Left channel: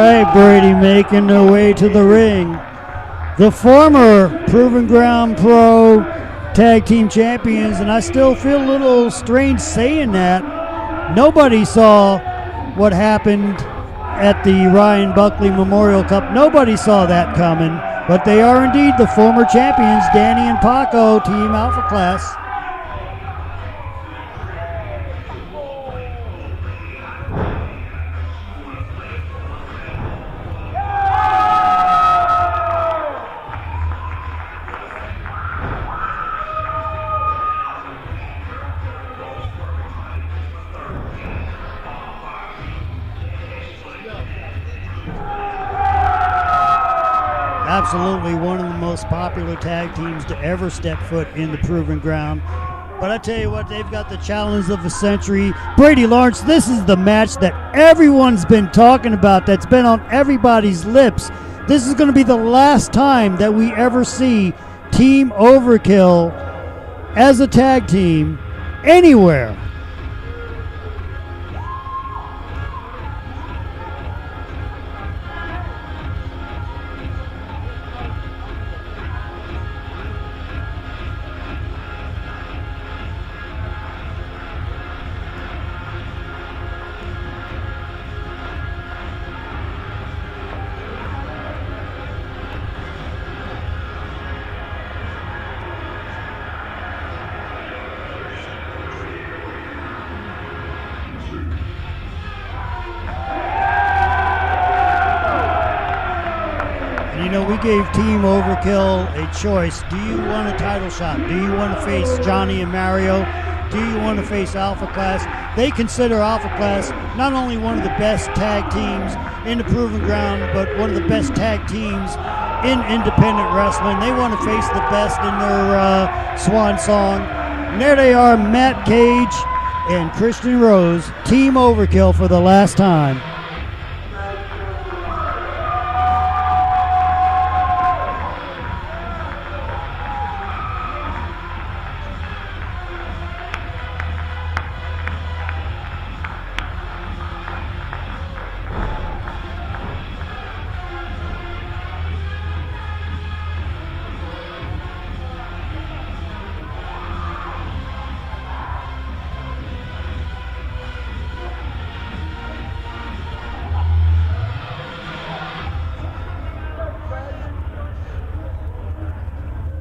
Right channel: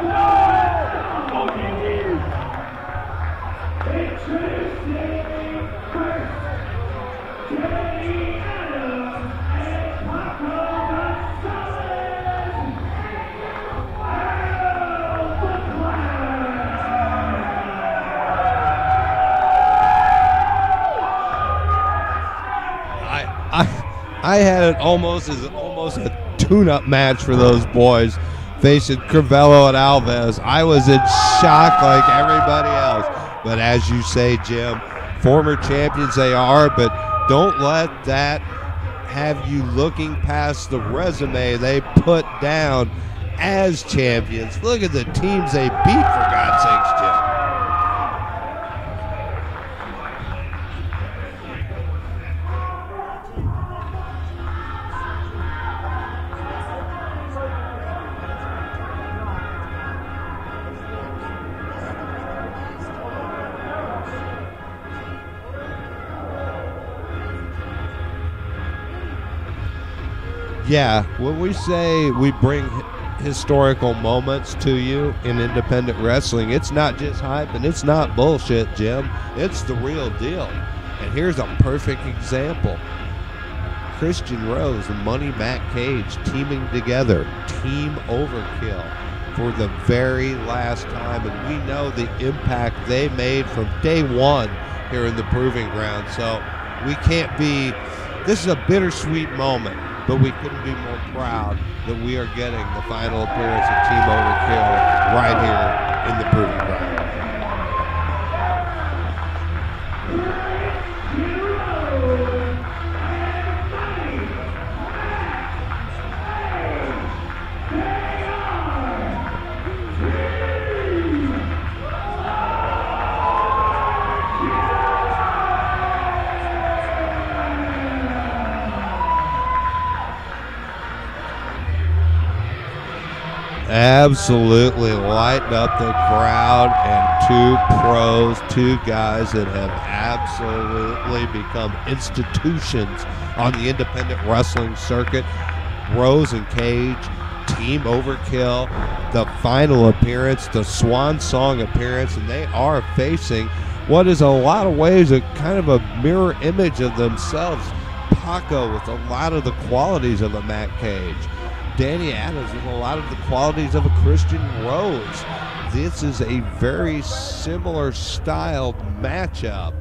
right, Brady making their way to the ring. The former Proven Ground Pro Tag Team Champions, and I still feel a little strange saying that. Nobody saw what happened at the Ryan Buckley Memorial Cup. Nobody saw that coming, but they are indeed the former champions, Danny and Paco, Team Alpha Class. I had it almost a tune-up match for those boys facing Crivello and Alves. I was in shock like everybody else. But as you say, Jim, former champions they are, but don't let that have you looking past the resume they put down as champions. Look at the teams they beat, for God's sakes, Jim. Absolutely one of the most popular tag teams to ever step foot in the Proven Ground. But I tell you what, they've got the challenge of the century. Brady Lawrence, this is the match that everyone's been talking about, that's been on everybody's lips. This is going to be the last time that we ever see Team Overkill as a tag team anywhere. Yeah, when we say we bring historical moments to you in independent wrestling, it's not just hype and it's not bullshit, Jim. It's the real deal. And here's a perfect example. Christian Rose and Money Matt Cage teaming together, Team Overkill, for the very last time. And we know the impact they made from day one here in the Proving Ground. So we can't be, this is a bittersweet moment, but we couldn't be more proud that we are getting the final appearance of Team Overkill right here in the Proving Ground. You know, we gave Team Overkill a choice. Do you want a title shot? Do you want to face Johnny and Mario? Do you want to face Alpha Class? They consider Alpha Class not only one of the best tag teams in the Proving Ground, but one of the best tag teams in independent wrestling. They want to face the best in their swan song. And there they are, Matt Cage and Christian Rose, Team Overkill for the last time. Absolutely lighting up the crowd, and two pros, two guys that have absolutely become institutions on the independent wrestling circuit. Rose and Cage, Team Overkill, the final appearance, the swan song appearance, and they are facing what is a lot of ways a kind of a mirror image of themselves. Paco with a lot of the qualities of a Matt Cage. Danny Adams with a lot of the qualities of a Christian Rose. This is a very similar style matchup.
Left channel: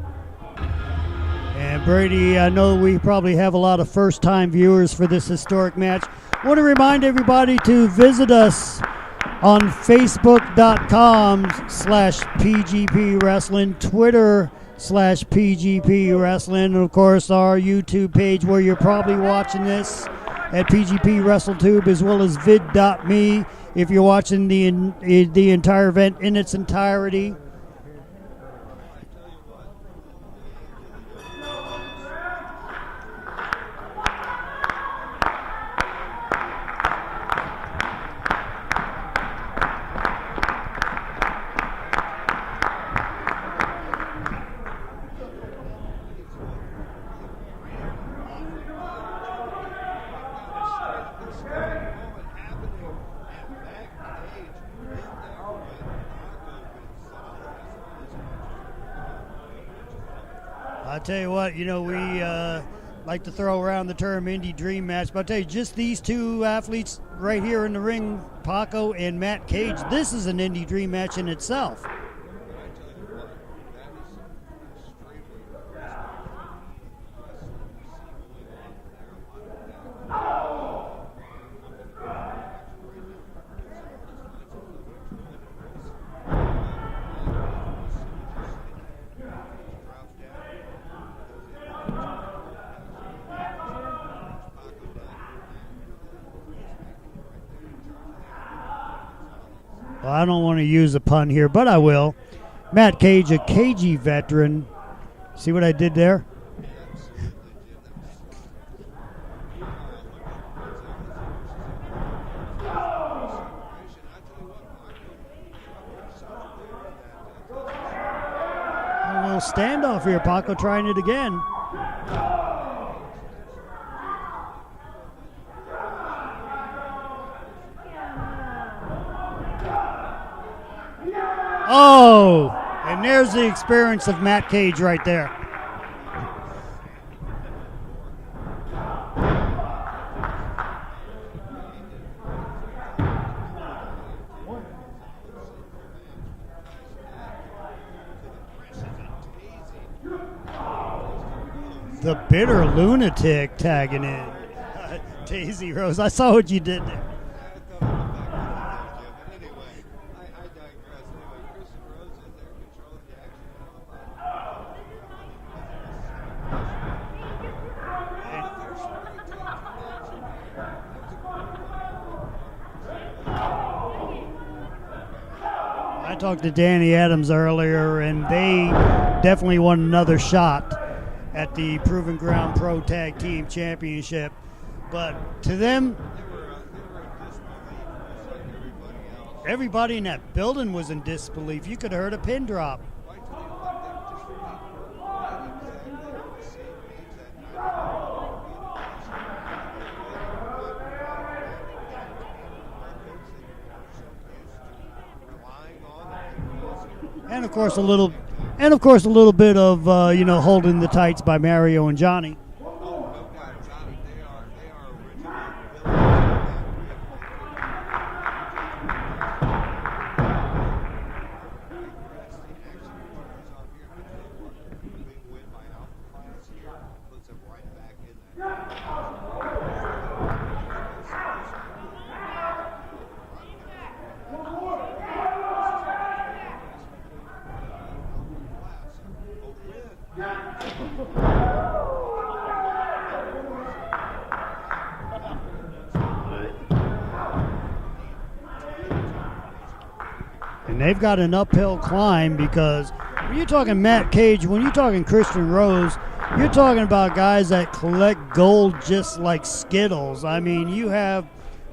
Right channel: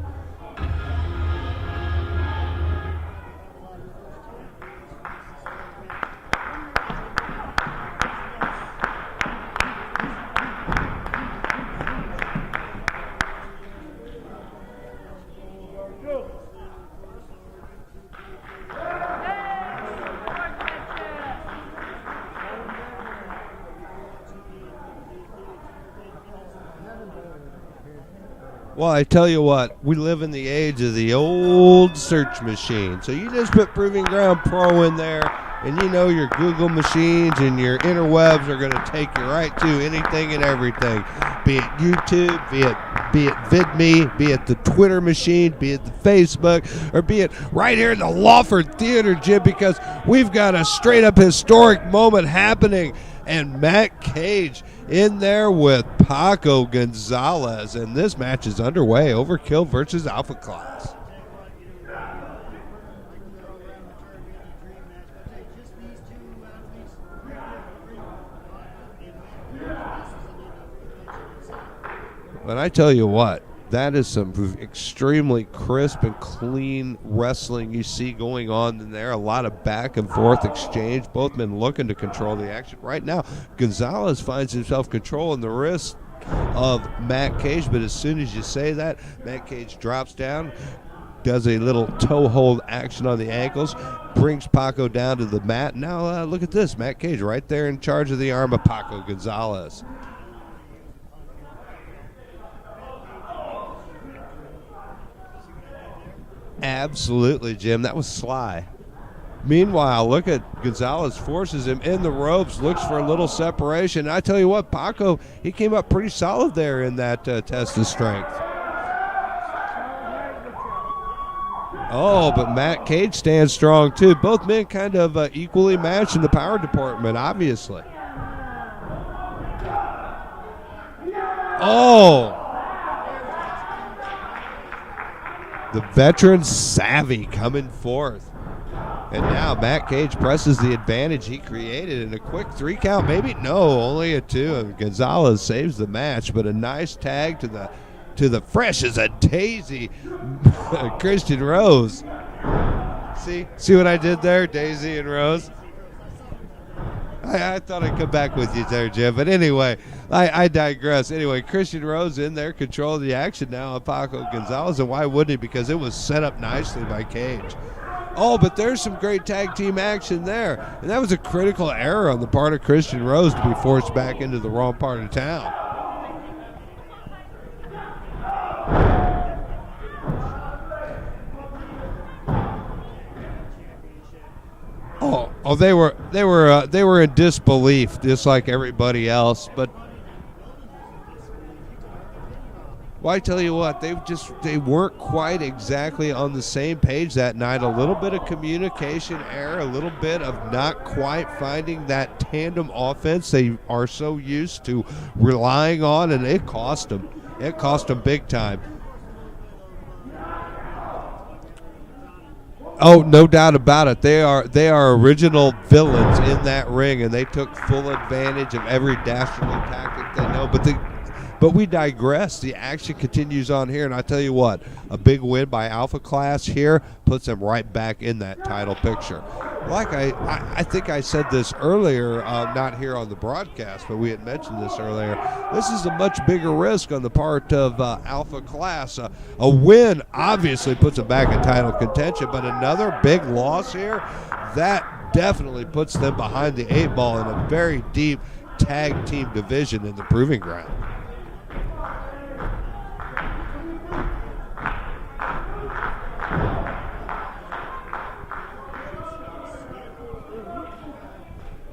And Brady, I know we probably have a lot of first-time viewers for this historic match. I want to remind everybody to visit us on Facebook.com/PGP Wrestling, Twitter/PGP Wrestling, and of course our YouTube page where you're probably watching this at PGP WrestleTube, as well as vid.me if you're watching the entire event in its entirety. Well, I tell you what, we live in the age of the old search machine. So you just put Proving Ground Pro in there, and you know your Google machines and your interwebs are going to take you right to anything and everything. Be it YouTube, be it VidMe, be it the Twitter machine, be it the Facebook, or be it right here in the Lawford Theater, Jim, because we've got a straight-up historic moment happening. And Matt Cage in there with Paco Gonzalez, and this match is underway. Overkill versus Alpha Class. I tell you what, you know, we like to throw around the term indie dream match, but I tell you, just these two athletes right here in the ring, Paco and Matt Cage, this is an indie dream match in itself. But I tell you what, that is some extremely crisp and clean wrestling you see going on in there. A lot of back and forth exchange. Both men looking to control the action. Right now, Gonzalez finds himself controlling the wrist of Matt Cage, but as soon as you say that, Matt Cage drops down, does a little toe hold action on the ankles, brings Paco down to the mat. Now look at this, Matt Cage right there in charge of the arm of Paco Gonzalez. Well, I don't want to use a pun here, but I will. Matt Cage, a cagey veteran. See what I did there? Absolutely, Jim. That was sly. Meanwhile, look at Gonzalez, forces him in the ropes, looks for a little separation. I tell you what, Paco, he came up pretty solid there in that test of strength. A little standoff here, Paco trying it again. Oh, but Matt Cage stands strong too. Both men kind of equally matched in the power department, obviously. Oh! And there's the experience of Matt Cage right there. The veteran savvy coming forth. And now Matt Cage presses the advantage he created in a quick 3 count. Maybe no, only a 2. And Gonzalez saves the match, but a nice tag to the fresh as a daisy Christian Rose. The bitter lunatic. See what I did there, Daisy and Rose? Daisy Rose. I saw what you did there. I thought I'd come back with you there, Jim. But anyway, I digress. Anyway, Christian Rose in there, controlling the action now on Paco Gonzalez. And why wouldn't he? Because it was set up nicely by Cage. Oh, but there's some great tag team action there. And that was a critical error on the part of Christian Rose to be forced back into the wrong part of town. I talked to Danny Adams earlier, and they definitely want another shot at the Proven Ground Pro Tag Team Championship. But they were in disbelief, just like everybody else. Everybody in that building was in disbelief. You could have heard a pin drop. Well, I tell you what, they weren't quite exactly on the same page that night. A little bit of communication error, a little bit of not quite finding that tandem offense they are so used to relying on, and it cost them. It cost them big time. And of course, a little bit of holding the tights by Mario and Johnny. Oh, no doubt about it. They are original villains in that ring, and they took full advantage of every dastardly tactic they know. But we digress. The action continues on here, and I tell you what, a big win by Alpha Class here puts them right back in that title picture. Like I think I said this earlier, not here on the broadcast, but we had mentioned this earlier. This is a much bigger risk on the part of Alpha Class. A win obviously puts them back in title contention, but another big loss here, that definitely puts them behind the 8 ball in a very deep tag team division in the Proving Ground. And they've got an uphill climb, because when you're talking Matt Cage, when you're talking Christian Rose, you're talking about guys that collect gold just like Skittles. I mean, you have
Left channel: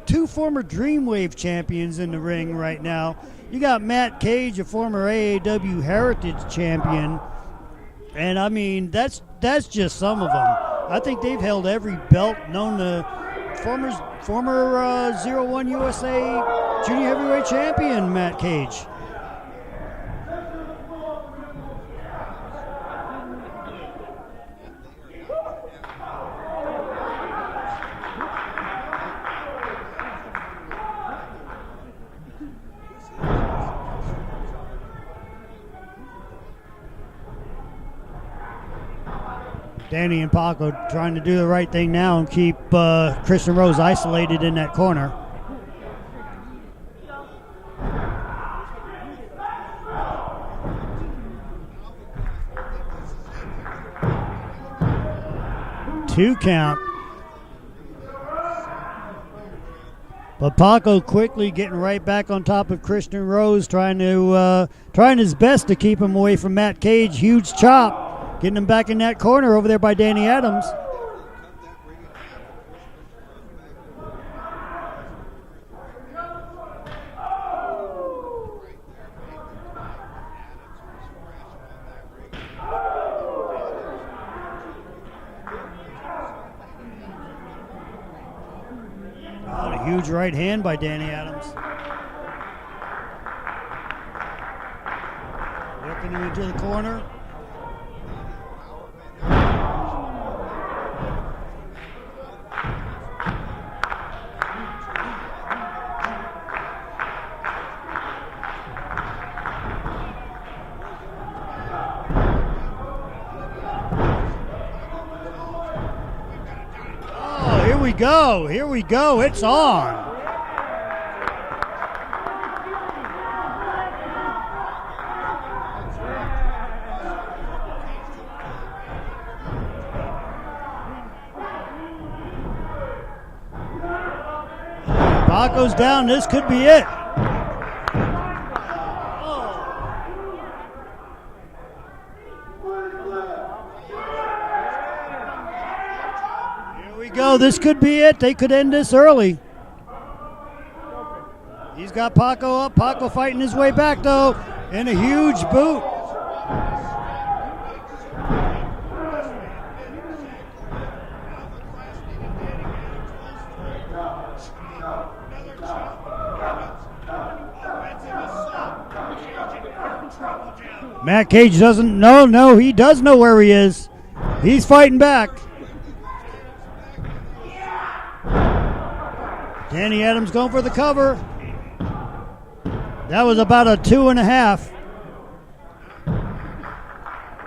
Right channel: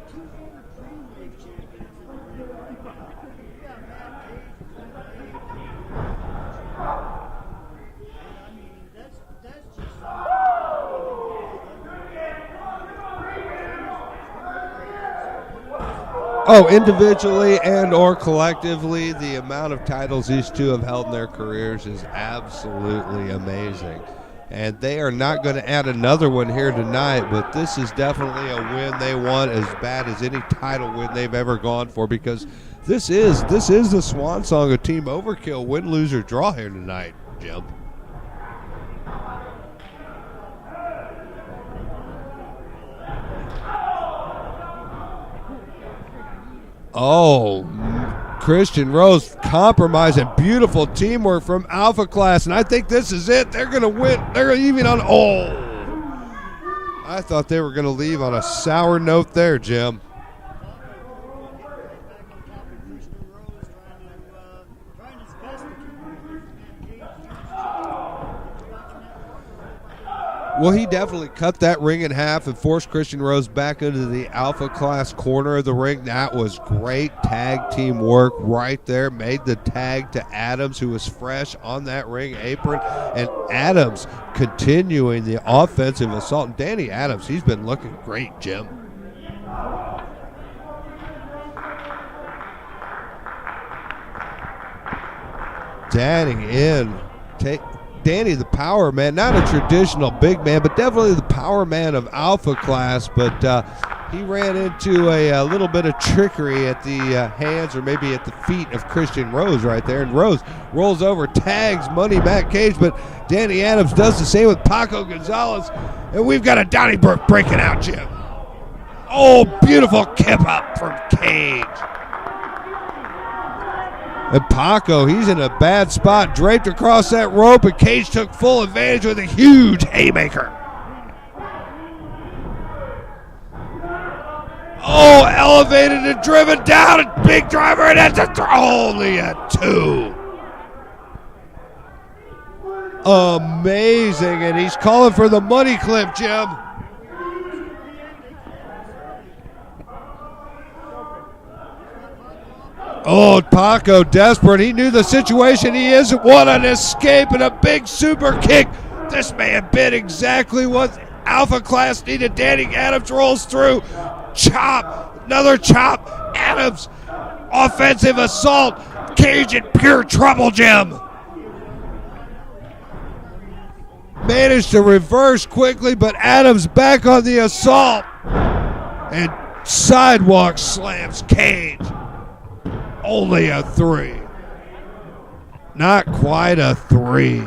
2 former Dreamwave champions in the ring right now. You got Matt Cage, a former AAW Heritage champion. And I mean, that's just some of them. I think they've held every belt known to former 01 USA. Oh, individually and or collectively, the amount of titles these two have held in their careers is absolutely amazing. And they are not going to add another one here tonight, but this is definitely a win they want as bad as any title win they've ever gone for, because this is the swan song of Team Overkill, win, lose, or draw here tonight, Jim. Danny and Paco trying to do the right thing now and keep Christian Rose isolated in that corner. Oh, Christian Rose compromising. Beautiful teamwork from Alpha Class, and I think this is it. They're going to win. They're even on 2 count. I thought they were going to leave on a sour note there, Jim. But Paco quickly getting right back on top of Christian Rose, trying his best to keep him away from Matt Cage. Huge chop. Getting him back in that corner over there by Danny Adams. Well, he definitely cut that ring in half and forced Christian Rose back into the Alpha Class corner of the ring. That was great tag team work right there. Made the tag to Adams, who was fresh on that ring apron. And Adams continuing the offensive assault. And Danny Adams, he's been looking great, Jim. A huge right hand by Danny Adams. Danny in. Danny, the power man, not a traditional big man, but definitely the power man of Alpha Class. But he ran into a little bit of trickery at the hands, or maybe at the feet of Christian Rose right there. And Rose rolls over, tags Money Matt Cage, but Danny Adams does the same with Paco Gonzalez. And we've got a Donnybrook breaking out. Here we go. Oh, beautiful kip up from Cage. And Paco, he's in a bad spot, draped across that rope, and Cage took full advantage with a huge haymaker. Oh, elevated and driven down, a big driver, and that's only a 2. Amazing, and he's calling for the money clip, Jim. Here we go. This could be it. They could end this early. He's got Paco up. Paco desperate. He knew the situation he is. What an escape and a big super kick. This man bit exactly what Alpha Class needed. Danny Adams rolls through. Chop. Another chop. Adams offensive assault. Cage in pure trouble, Jim. Matt Cage doesn't know. No, he does know where he is. Managed to reverse quickly, but Adams back on the assault. And sidewalk slams Cage. That was about a 2.5. Not quite a 3.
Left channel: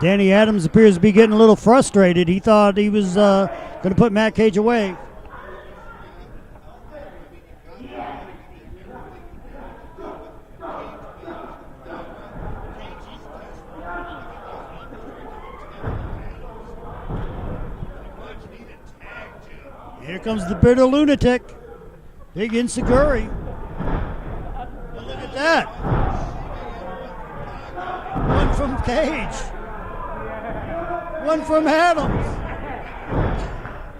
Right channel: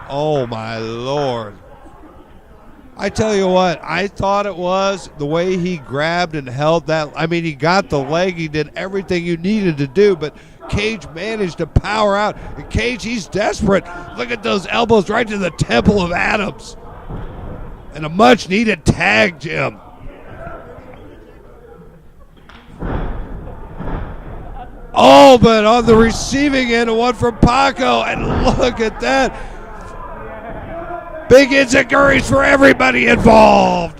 Danny Adams appears to be getting a little frustrated. He thought he was. I tell you what, I put Matt Cage was the way he grabbed and held that. I mean, he got the leg. He did everything you needed to do, but Cage managed to power out. And Cage, he's desperate. Look at those elbows right to the temple of Adams. And a much-needed tag, Jim. Here comes the bitter lunatic. Big Inseguri. Oh, but on the receiving end, one from Paco. And look at that. Big Insecurities for everybody involved.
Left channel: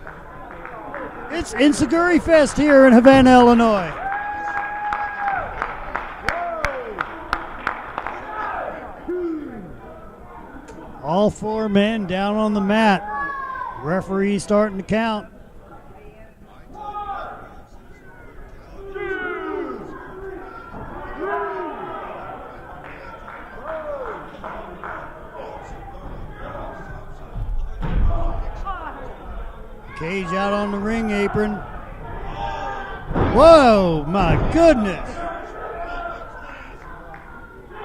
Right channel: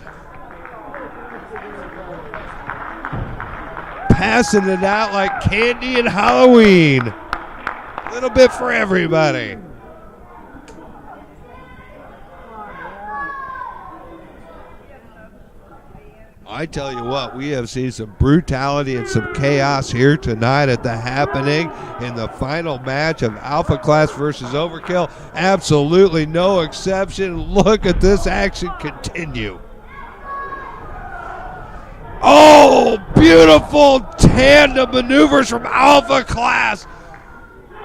It's Inseguri Fest here in Havana, Illinois. Passing it out like candy and Halloween. A little bit for everybody. All 4 men down on the mat. Referee starting to count. I tell you what, we have seen some brutality and some chaos here tonight at the happening in the final match of Alpha Class versus Overkill. Absolutely no exception. Look at this action continue. Cage out on the ring apron. Oh, beautiful tandem goodness. maneuvers from Alpha Class.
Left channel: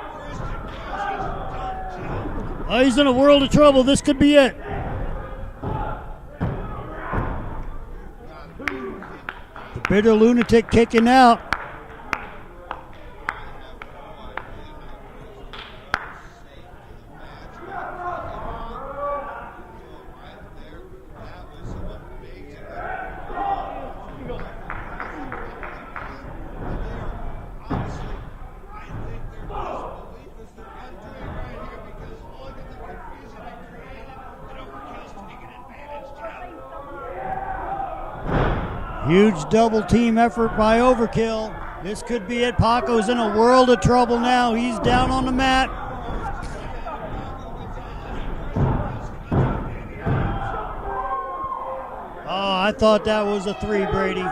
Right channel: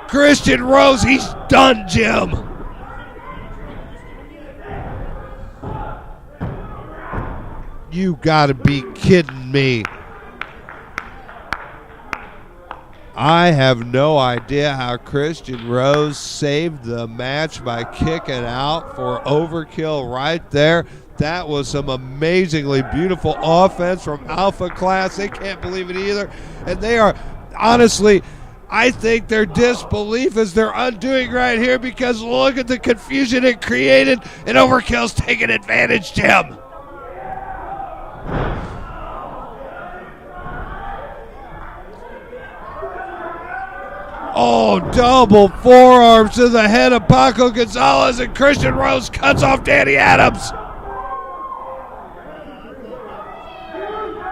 Christian Rose, he's done, Jim. Oh, he's in a world of trouble. This could be it. You gotta be kidding me. Bitter lunatic kicking out. I have no idea how Christian Rose saved the match by kicking out for Overkill right there. That was some amazingly beautiful offense from Alpha Class. They can't believe it either. And they are, honestly, I think their disbelief is their undoing right here, because look at the confusion it created, and Overkill's taking advantage, Jim. Huge double team effort by Overkill. This could be it. Paco's in a world of trouble now. Oh, double forearms to the head of Paco Gonzalez, and Christian Rose cuts off Danny Adams. Oh, I thought that was a 3, Brady.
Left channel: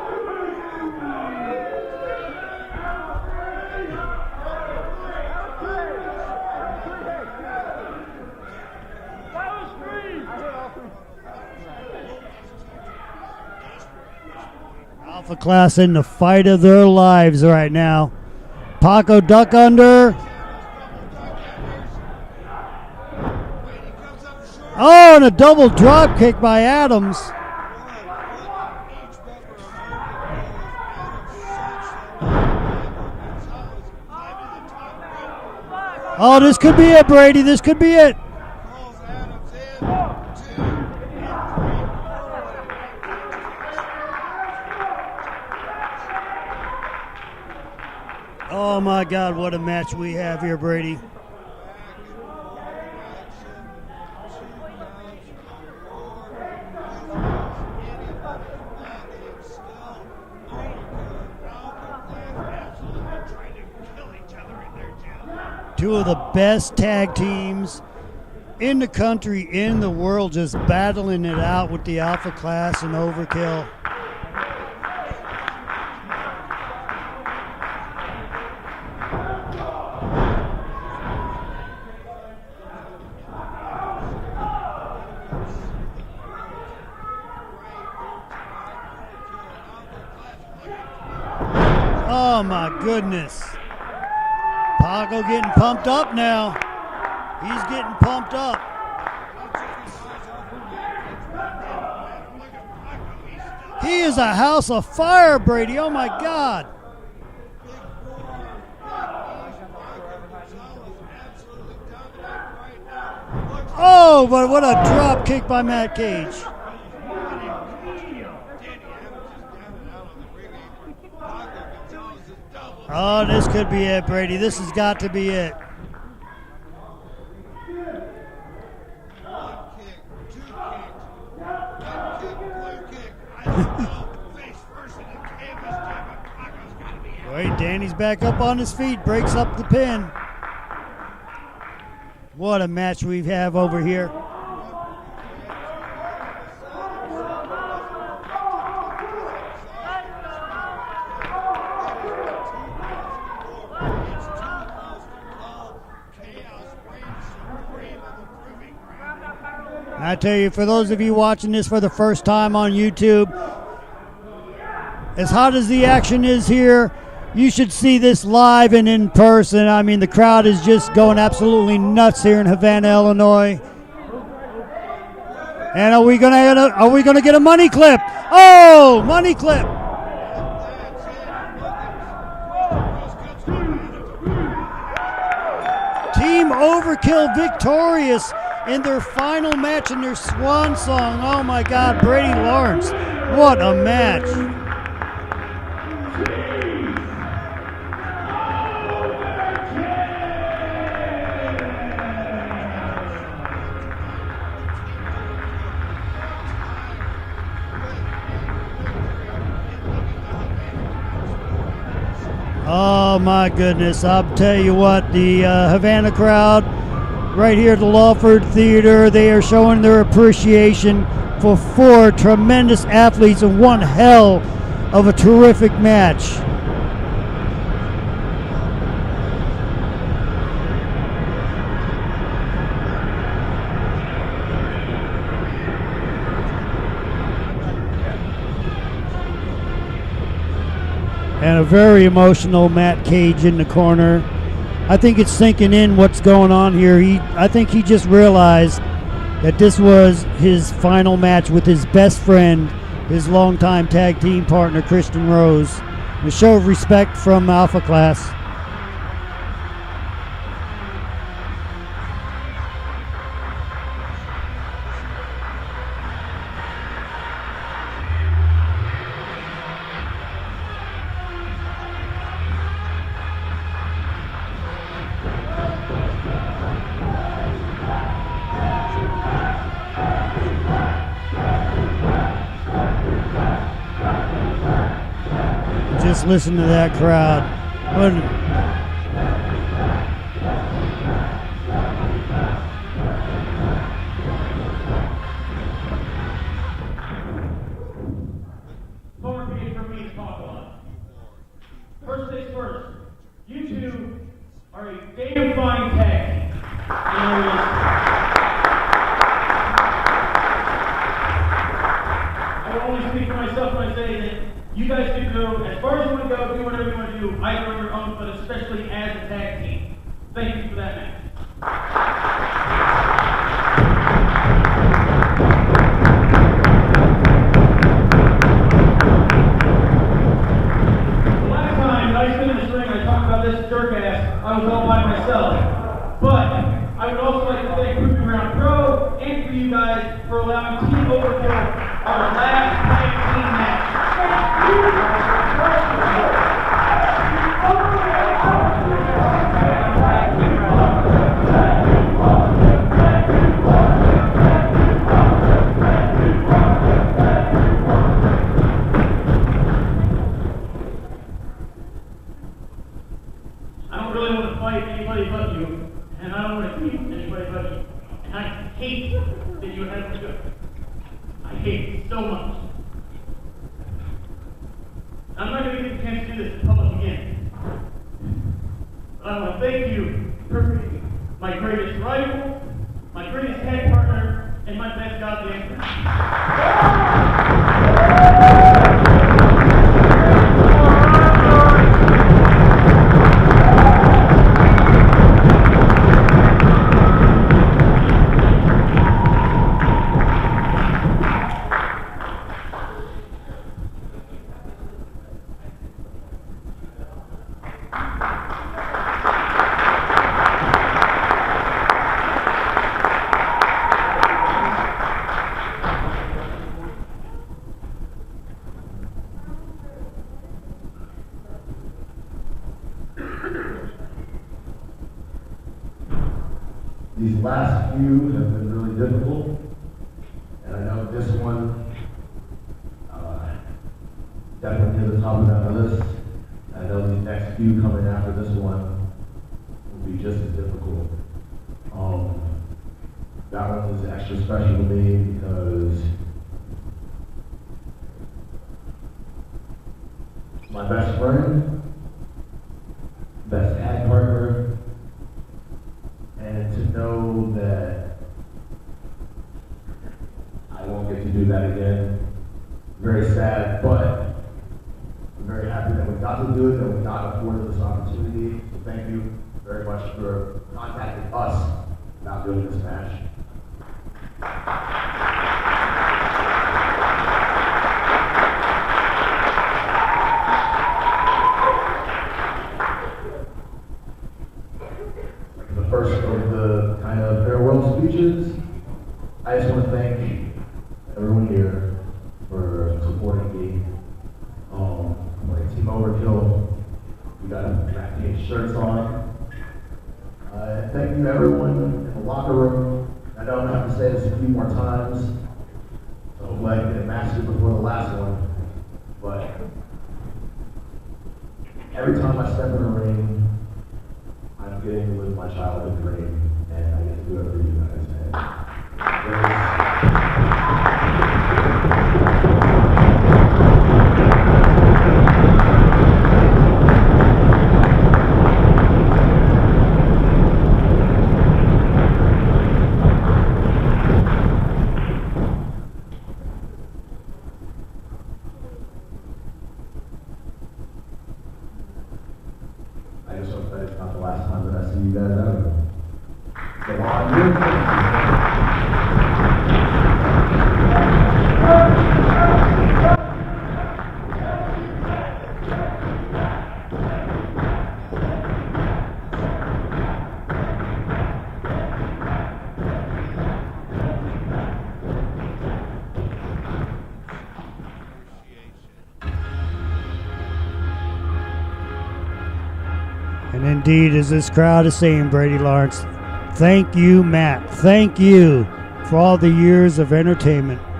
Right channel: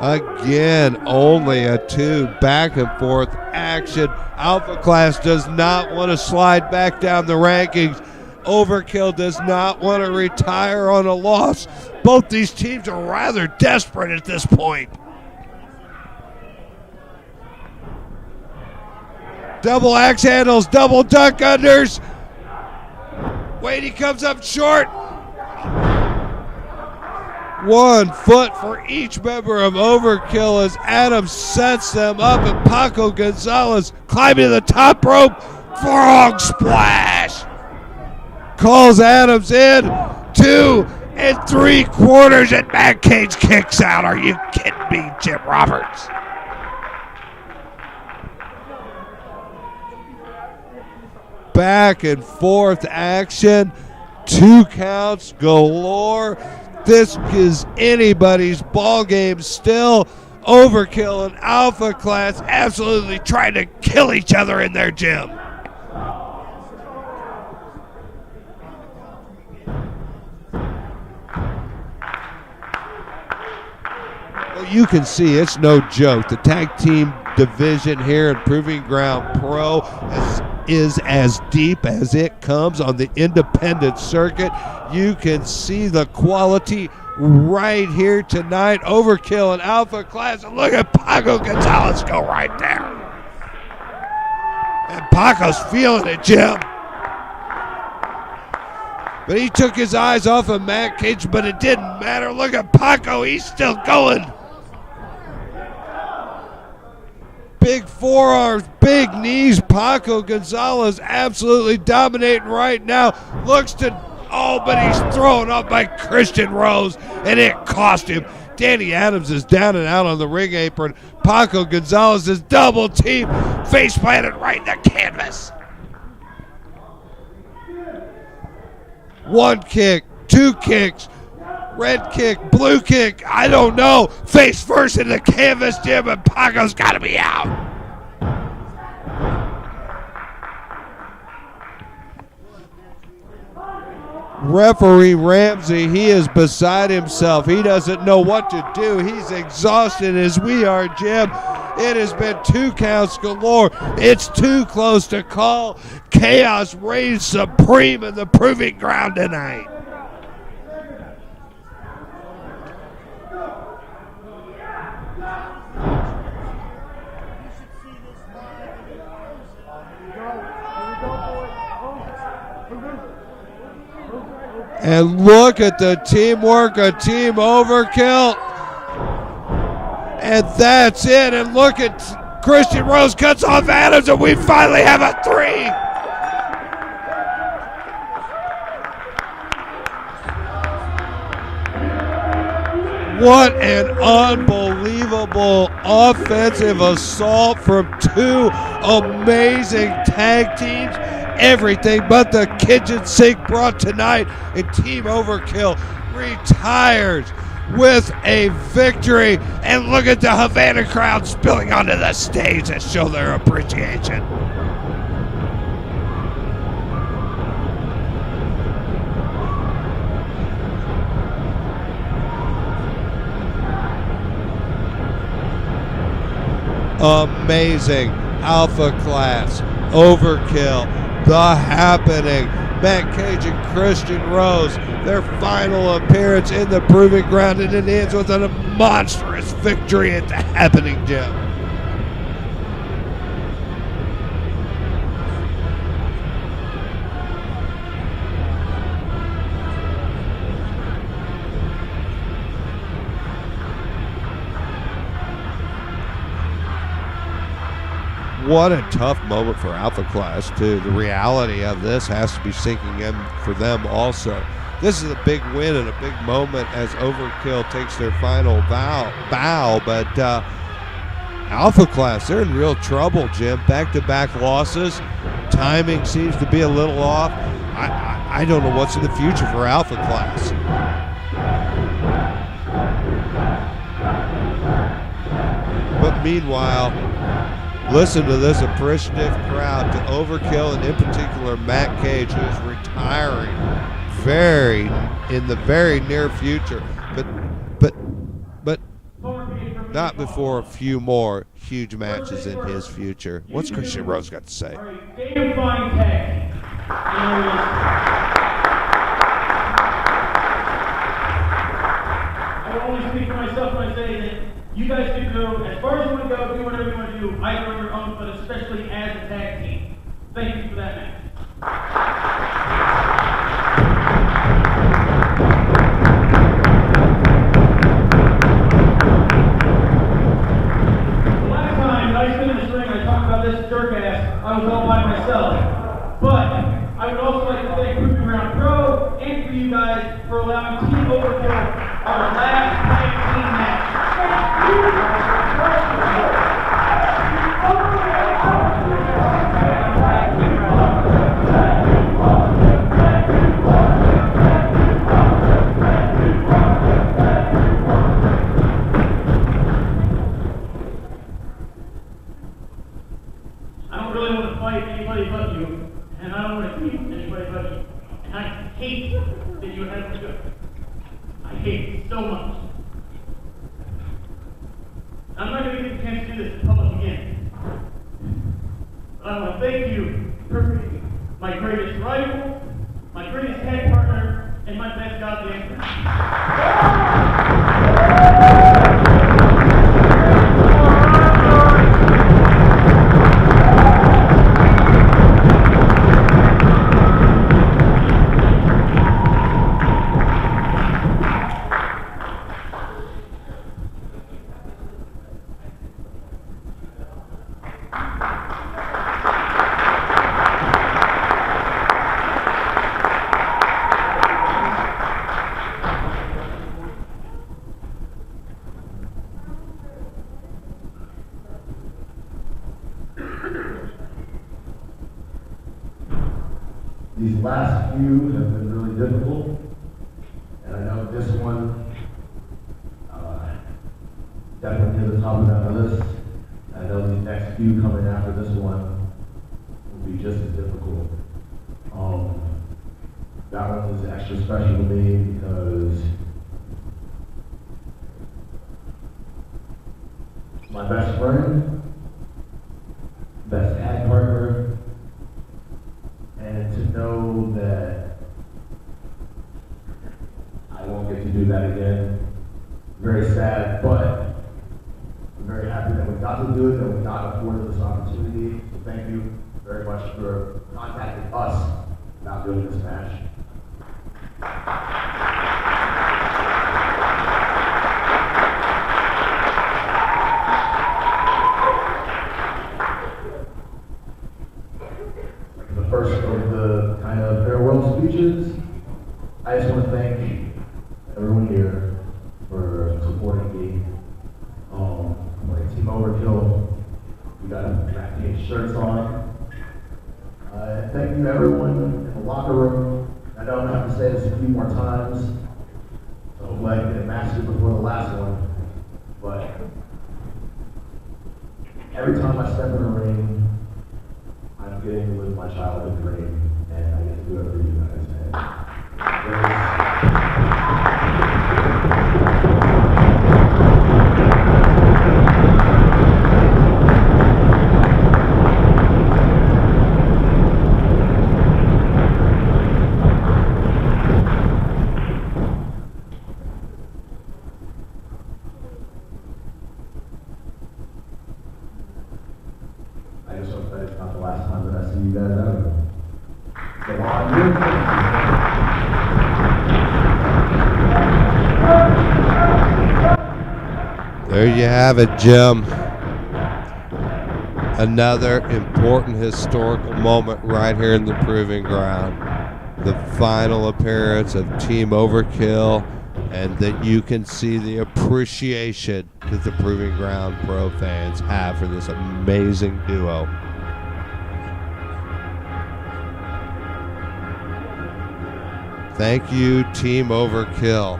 Again, only a 2, back and forth action. Alpha Class does not want to slide back down the rankings. Overkill does not want to retire on a loss. Both these teams are rather desperate at this point. Alpha Class in the fight of their lives right now. Paco duck under. Double axe handles, double duck unders. Wait, he comes up short. Oh, and a double drop kick by Adams. 1 foot for each member of Overkill as Adams sets them up, and Paco Gonzalez climbing to the top rope. Forearm Oh, this could be it, Brady. This could be it. Calls Adams in. 2 3/4, and Matt Cage kicks out. Are you kidding me, Jim Roberts? Oh, my God, what a match we have here, Brady. Back and forth action. 2 counts galore. This is anybody's ball game still. Overkill and Alpha Class absolutely trying to kill each other in their gym. 2 of the best tag teams in the country, in the world, just battling it out with the Alpha Class and Overkill. You can see it's no joke. The tag team division here in Proving Ground Pro is as deep as it comes on the independent circuit. You can see the quality right here tonight. Overkill and Alpha Class. And look at Paco Gonzalez go right there. Oh, my goodness. Paco's feeling it, Jim. He's getting pumped up. But he took his eyes off of Matt Cage, but it didn't matter. Look at Paco. He's still going. He's a house of fire, Brady. Oh, my God. Big forearms, big knees. Paco Gonzalez absolutely dominating right now. Looks to, but he's thrown up by Christian Rose, and it cost him. Danny Adams is down and out on the ring apron. Paco Gonzalez is double team, face planted right in the canvas. 1 kick, 2 kicks, red kick, blue kick, I don't know. Face first in the canvas, Jim, and Paco's got to be out. And Danny's back up on his feet, breaks up the pin. What a match we have over here. Referee Ramsey, he is beside himself. He doesn't know what to do. He's exhausted as we are, Jim. It has been 2 counts galore. It's too close to call. Chaos reigns supreme in the proving ground tonight. I tell you, for those of you watching this for the first time on YouTube, as hot as the action is here, you should see this live and in person. I mean, the crowd is just going absolutely nuts here in Havana, Illinois. And look at the are we teamwork. are we going to get a money clip? Overkill. Oh, money clip. And that's it. And look at Christian Rose cuts off Adams, and we finally have a 3. Team Overkill victorious in their final match in their swan song. Oh my God, Brady Lawrence. What an match. unbelievable offensive assault from 2 amazing tag teams. Everything but the kitchen sink brought tonight, and Team Overkill retires with a victory. And look at the Havana crowd spilling onto the stage to show their my appreciation. goodness, I'll tell you what, the Havana crowd right here at the Lawford Theater, they are showing their appreciation for 4 tremendous athletes and one hell of a terrific match. Amazing. Alpha Class, Overkill, The Happening, Matt Cage and Christian Rose, their final appearance in the proving ground, and it ends with a monstrous victory at The Happening, Jim. And a very emotional Matt Cage in the corner. I think it's sinking in what's going on here. I think he just realized that this was his final match with his best friend, his longtime tag team partner, Christian Rose. A show of respect from Alpha Class. What a tough moment for Alpha Class, too. The reality of this has to be sinking in for them also. This is a big win and a big moment as Overkill takes their final bow, but Alpha Class, they're in real trouble, Jim. Back-to-back losses. Timing seems to be a little off. I don't know what's in the future for Alpha Class. Just listen to that crowd. Listen to this appreciative crowd to Overkill, and in particular Matt Cage, who's retiring in the very near future, but not before a few more huge matches in his future. What's Christian Rose got to say? All right, day-defying tag. I will only speak for myself when I say that you guys can go as far as you want to go, do whatever you want to do, either on your own, but especially as a tag team. Thank you for that match. The last time I stood in this ring and I talked about this jerk ass, I was all by myself. But I would also like to thank Proving Ground Pro and for you guys for allowing Team Overkill our last tag team match. I don't really want to fight anybody but you, and I don't want to keep anybody but you. And I hate that you have to go. I hate it so much. I'm not going to get the chance to do this in public again. But I want to thank you for being my greatest rival, my greatest tag partner, and my best goddamn friend. These last few have been really difficult, and I know this one definitely near the top of that list. I know the next few coming after this one will be just as difficult. That one is extra special to me because my best friend, best tag partner, and to know that I won't get to do that again. Very sad, but I'm very happy that we got to do it, that we got afforded this opportunity. So thank you very much for contacting us about doing this match. The first of the kind of farewell speeches, I just want to thank everyone here for supporting me. Like Team Overkill, we got Draft Team shirts on. Thank you everyone in the locker room. I know I'm gonna have to say this a few more times. So hopefully I can get it mastered before the last one. But every time I step in the ring, I'm getting to live my childhood dream, and I get to do it for you guys. I just hope that it's not the last time that I see you guys out. So There you have it, Jim. Another important historical moment right here in the Proving Ground. The final appearance of Team Overkill, and that you can see the appreciation that the Proving Ground Pro fans have for this amazing duo. And indeed, as this crowd is saying, Brady Lawrence, thank you, Matt. Thank you Thank for all you, the years Team of entertainment. Overkill.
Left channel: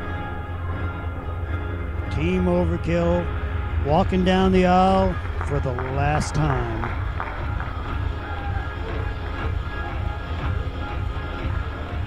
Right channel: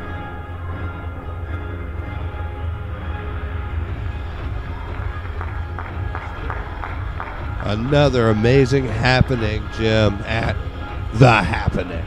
Team Overkill walking down the aisle for the last time. Another amazing happening, Jim, at The Happening.